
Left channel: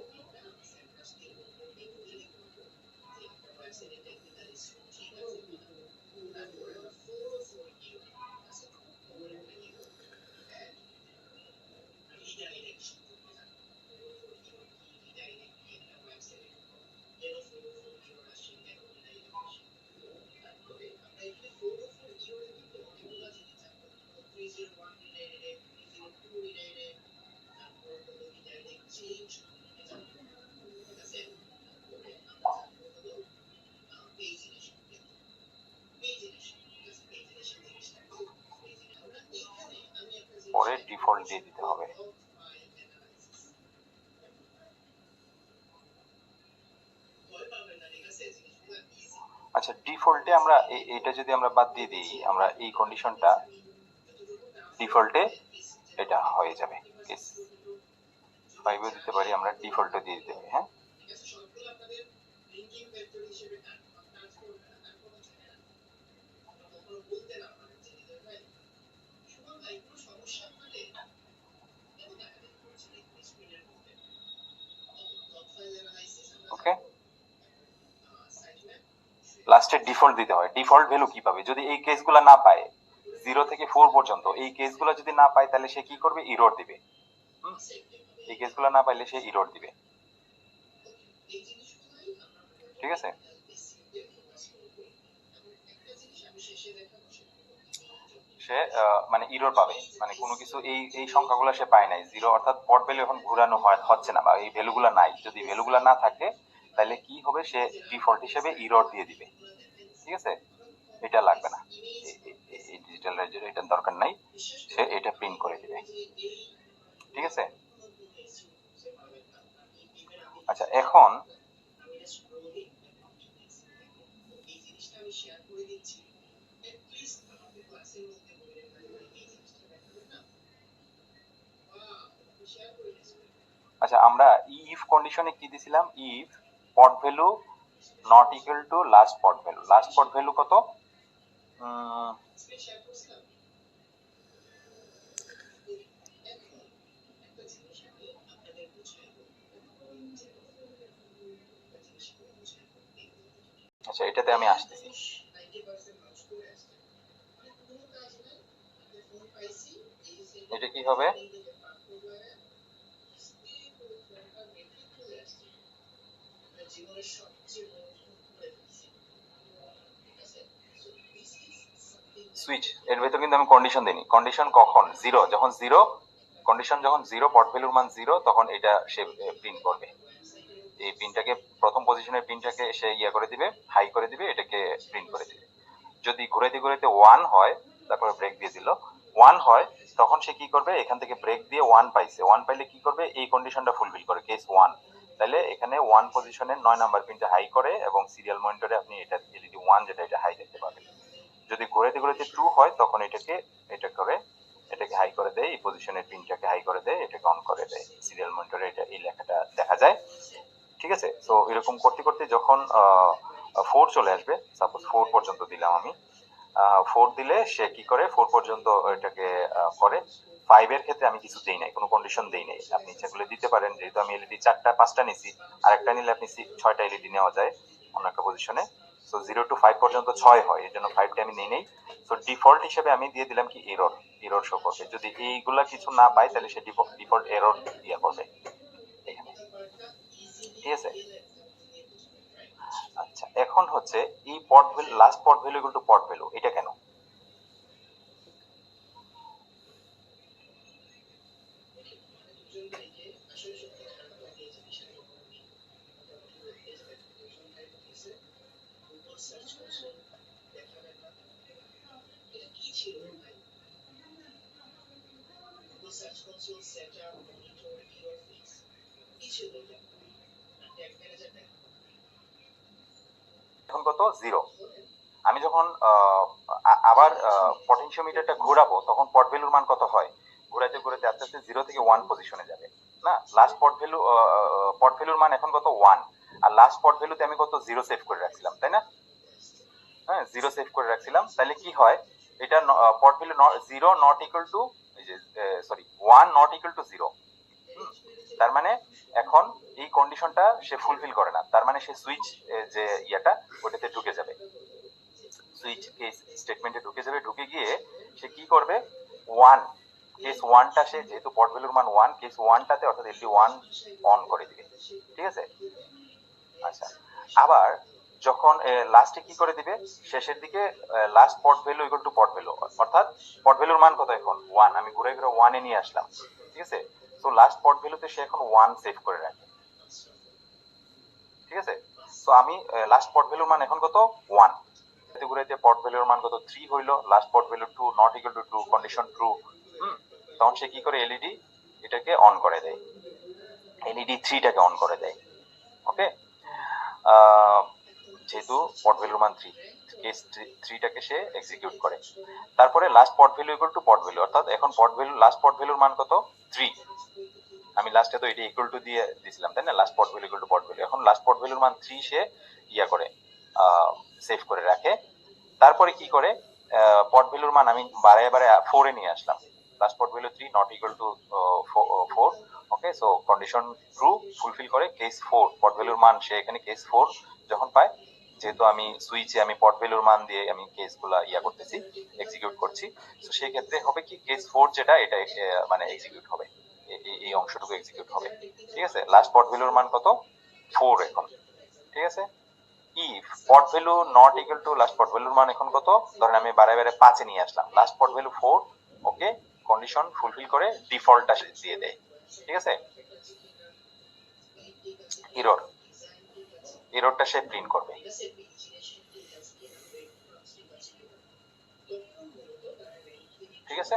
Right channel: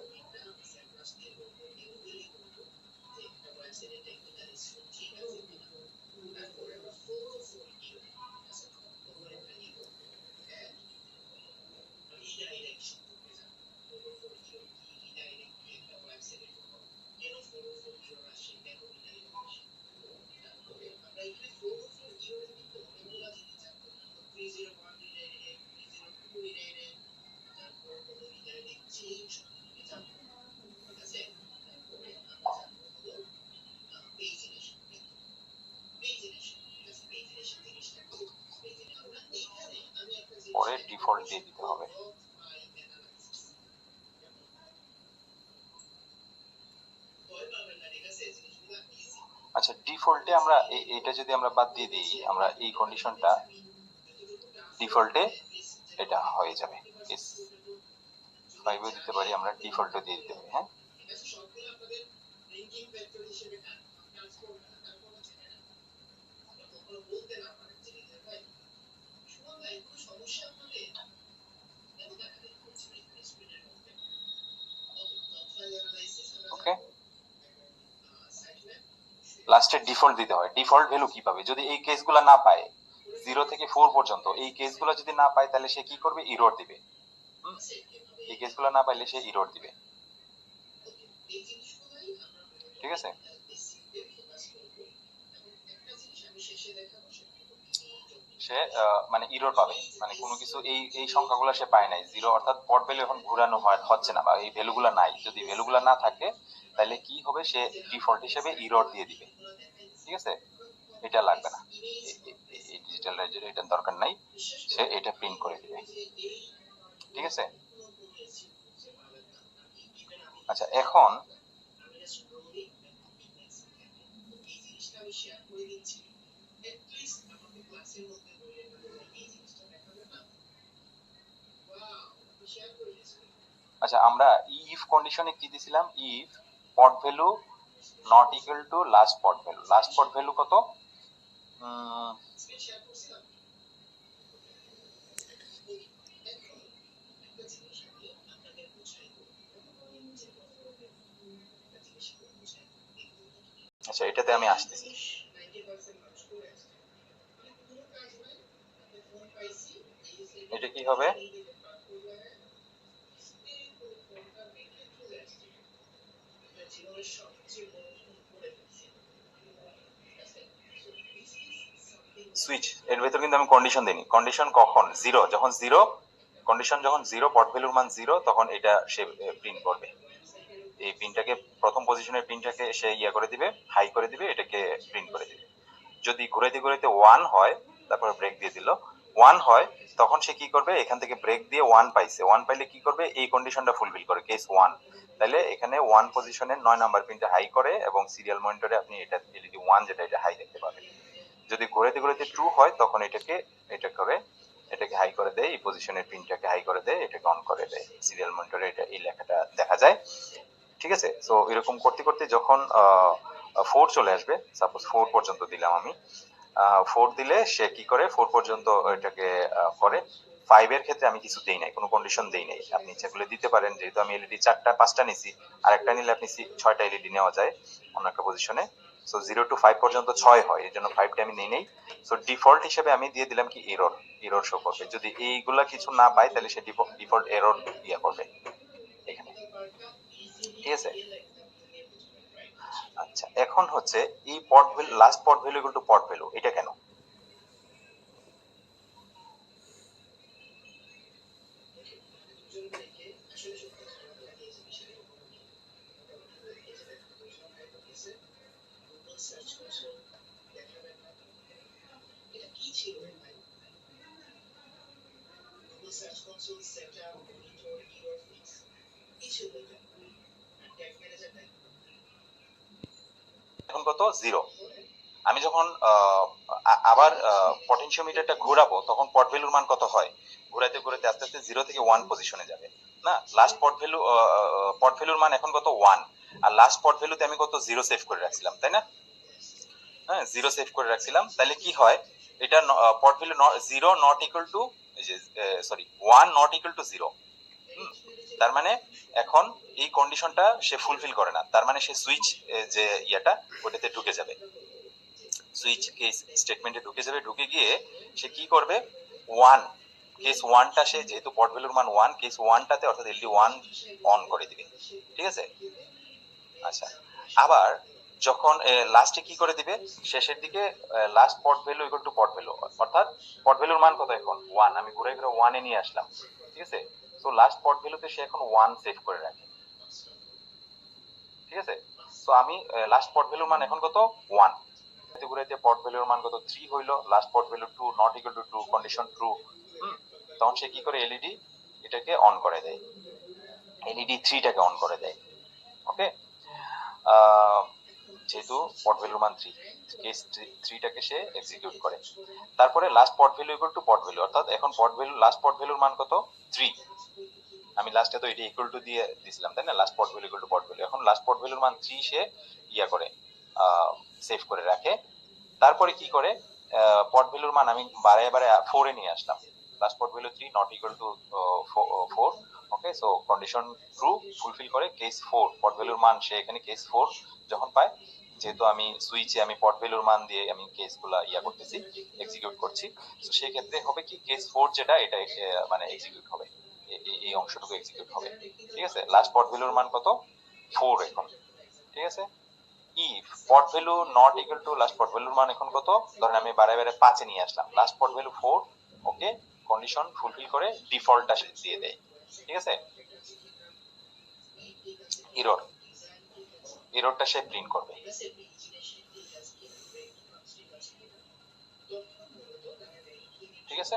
ডিফল্ট দিয়ে দিতে হবে। আচ্ছা, ডিফল্টে আমরা এটা যদি আমরা বাদ দিয়ে দিই, আমরা এই কন্ডিশনটা ডিফল্টে এটা হয়ে যাবে। কেস 5 দিতে পারি, আমরা ডিফল্টে দিয়ে দিতে পারি। হ্যাঁ, ওকে, লাস্টে ডিফল্ট দিতে হয়। ডিফল্ট ভ্যালু কি পাবে যদি এই কেসগুলো না পায়, 0 থেকে 4 পর্যন্ত এই কেসগুলো যদি না পায়, তাহলে সে কি করবে? এরর দিবে। এই কেসগুলো না পাইলে সে এরর দিবে। ঠিক আছে, সে মানে এরর পাবে, মানে কোনো কিছু এই সংখ্যাগুলো সে পায় নাই, 0 অর্থাৎ পট ভ্যালু এখন ঘোরানো হচ্ছে না, বা এই ভ্যালুগুলো নাই। যদি ভ্যালুগুলো না থাকে তাহলে কি হবে? সে ডিফল্ট হিসেবে এরর দিয়ে দিবে। ঠিক আছে, এটা লাগবে না, এই ডিজিটাল লেজার এটার দরকার নাই, সে এটা প্রিন্ট করে দিবে। ঠিক আছে, আচ্ছা এখন আচ্ছা আমরা ইফ কন্ডিশনে কি দিছিলাম? If pot value not equal to last pot value. Last pot value কত? আচ্ছা, এটাতে আমি আসতেছি। এটা কি হবে? সুইচ, এর ভেতর কিন্তু আমি কন্ডিশন দিইনি। কন্ডিশন কখন? 0, যখন 0 কন্ডিশন, যখন 0 পট ভ্যালুর মান 0, তখন এটা সে প্রিন্ট করবে। এই পিনটাকে, প্রথম পজিশনের পিনটাকে সে ইয়া করে দিবে, হাই করে দিবে, এটাকে প্রিন্ট করে দিবে। যদি ঘুরাইতে ঘুরাইতে 1 হয়, তারপরে ব্রেক দিয়ে দিল, 1 হয়, তখন সে কি করবে? এখান থেকে ব্রেক দিয়ে 1 পাইছে, 1 পাইলে কি করবে? এই কন্ডিশনটা ফুলফিল করে, কেস 1। তাহলে এখানে 1 পজিশনের 9 নাম্বার পিনটা হাই করে, এবং সিরিয়াল মনিটরে আপনি এটা এলইডি 1 যেটা, এটা হাই দেখতে পাবেন। যদি ঘুরাইতে ঘুরাইতে 2 হয়, তখন এটা করে, এটাকে হাই করে দেয়, এই পজিশনের পিনটাকে হাই করে দেয়, এটাকে অন করে দেয়, সিরিয়াল মনিটরে এটা এই লেখাটা দেখা যায়। ঠিক আছে, তো এরকম করতে করতে যখন 4 চলে আসবে, সাপোজ 4 পর্যন্ত দিলাম আমি, 4 দিলে সে কি করে? 4 পর্যন্ত এটাকে করে। 5 এর ক্ষেত্রে আমি কিছু দেই নাই, কোনো কন্ডিশন দেই নাই। আপনি ইচ্ছা করলে দিতে পারেন, যেহেতু আমি এলইডি 4টা 5টা নিছি, আরেকটা নিলে আপনি 6টা এলইডি নেওয়া যায় অন্য একটা পজিশনে। সো 0 টু 5 পর্যন্ত 6 হয়, এই জন্য 5টা আমি নেই নেই। সো ডিফল্ট হিসেবে আমি দিয়ে দিলাম কি? এরর শো করবে। যদি এইগুলা কিছু না পায়, তাহলে সে ডিফল্ট এরর দিয়ে করবে এখানে। ঠিক আছে, আচ্ছা এখন হচ্ছে এই pot value, last pot value equal to pot value, এটা কেন? এখন কত? 0। আমি যখন আবার পটেনশিওমিটারটা ঘোরাবো, তখন পট ভ্যালুর মান কত হয়? ঘোরাতে ঘোরাতে আস্তে আস্তে 0 থেকে 1 পজিশনে যাবে না? লাস্ট পট ভ্যালুর মান এখন কত? 1। আর লাস্ট পট ভ্যালুতে আমি কত? 0 সেভ করে রাখছিলাম, তাই না? হ্যাঁ, 0 সেভ করে রাখছিলাম। তাহলে কি হয়? এটা pot value 0 not equal to, sorry 1 not equal to 0। তার মানে এখন এই কন্ডিশনটা সে ফুলফিল করে না, তার মানে সে সুইচ যে ইয়াটা, ওটাতে ঢুকে যাবে, সুইচ কেস স্টেটমেন্টে ঢুকে যাবে। ঢুকে গিয়ে সে কি করবে? 1, কেস 1টা, সে যেহেতু পট ভ্যালুর মান 1, কেস 1টাতে অর্থাৎ এলডি 1 অন করে দিবে। ঠিক আছে, আচ্ছা আবার যখন লাস্টে কি করে দিবে? শেষের দিকে last pot value equal to pot value, অর্থাৎ পট ভ্যালুর মান কত এখন? 1। আমি ঘুরে ঘুরে 1 এ নিয়ে আসলাম। ঠিক আছে, তো লাস্ট পট ভ্যালুতে সে এখন 1 সেভ করে রাখে। ঠিক আছে, তো আমি লাস্ট পট ভ্যালুর মান এখন কত? 1। ঘুরাইতে পট ভ্যালুর মান কত? 3 হইলো। Last pot value 2 not equal two 2, condition true. তখন সে কি করে এলইডি এটাকে অন করে দেয়, এলইডি 3টাকে অন করে দেয়। ওকে, যেহেতু পট ভ্যালুর মান 3, কেস 3টাকে সে এক্সিকিউট করে। তারপরে last pot value equal to pot value, অর্থাৎ এখন পট ভ্যালু লাস্ট পট ভ্যালুর মান কত 3, আমি লাস্টে তো এটা ইকুয়াল টু দিয়ে দিছিলাম তাই না, last pot value equal to pot value. এখন লাস্ট পট ভ্যালুর মান 3 সে ইয়া করে সেভ করে রাখে। তারপরে কি করে পট ভ্যালুর মান আমি বাড়ায় 4 এ নিয়ে আসলাম, last pot value 3 not equal to 4। Okay, so condition true fulfil করে কেস 4 পট ভ্যালুর মান সে এখানে কেস 4 যখন পায়, যেহেতু আমি সুইচে আমি পট ভ্যালুর মান দিয়ে আমি কেসগুলা ইয়া করতেছি, এক্সিকিউট করছি, তো সেই ক্ষেত্রে হবে কি কেস 4 যেটা এটা মানে এক্সিকিউট হবে, এই অংশটুকু এক্সিকিউট হবে। ঠিক আছে, লাস্ট পট ভ্যালুর মান কত 4 এখন। ঠিক আছে, if pot value not equal to last pot ভ্যালুর মান এখন কত, ধরেন আমি বারে 5 এ নিয়ে আসলাম, লাস্ট পট ভ্যালু 4। ওকে, কন্ডিশন ফুলফিল করে ডিফল্টটা দিয়ে দেয়। ঠিক আছে, এররটা সে প্রিন্ট করবে। ঠিক আছে,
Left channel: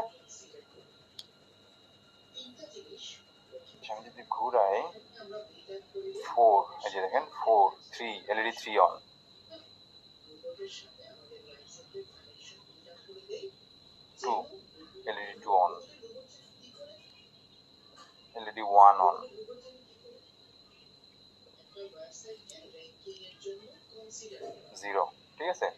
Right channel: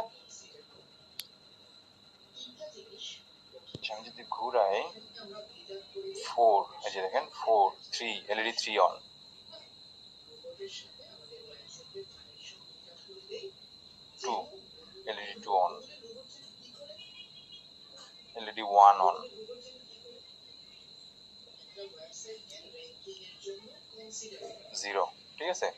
আমি যদি ঘুরাই 4, এই যে দেখেন 4 3 LED 3 on, 2 LED 2 on, LED 1 on, 0। ঠিক আছে,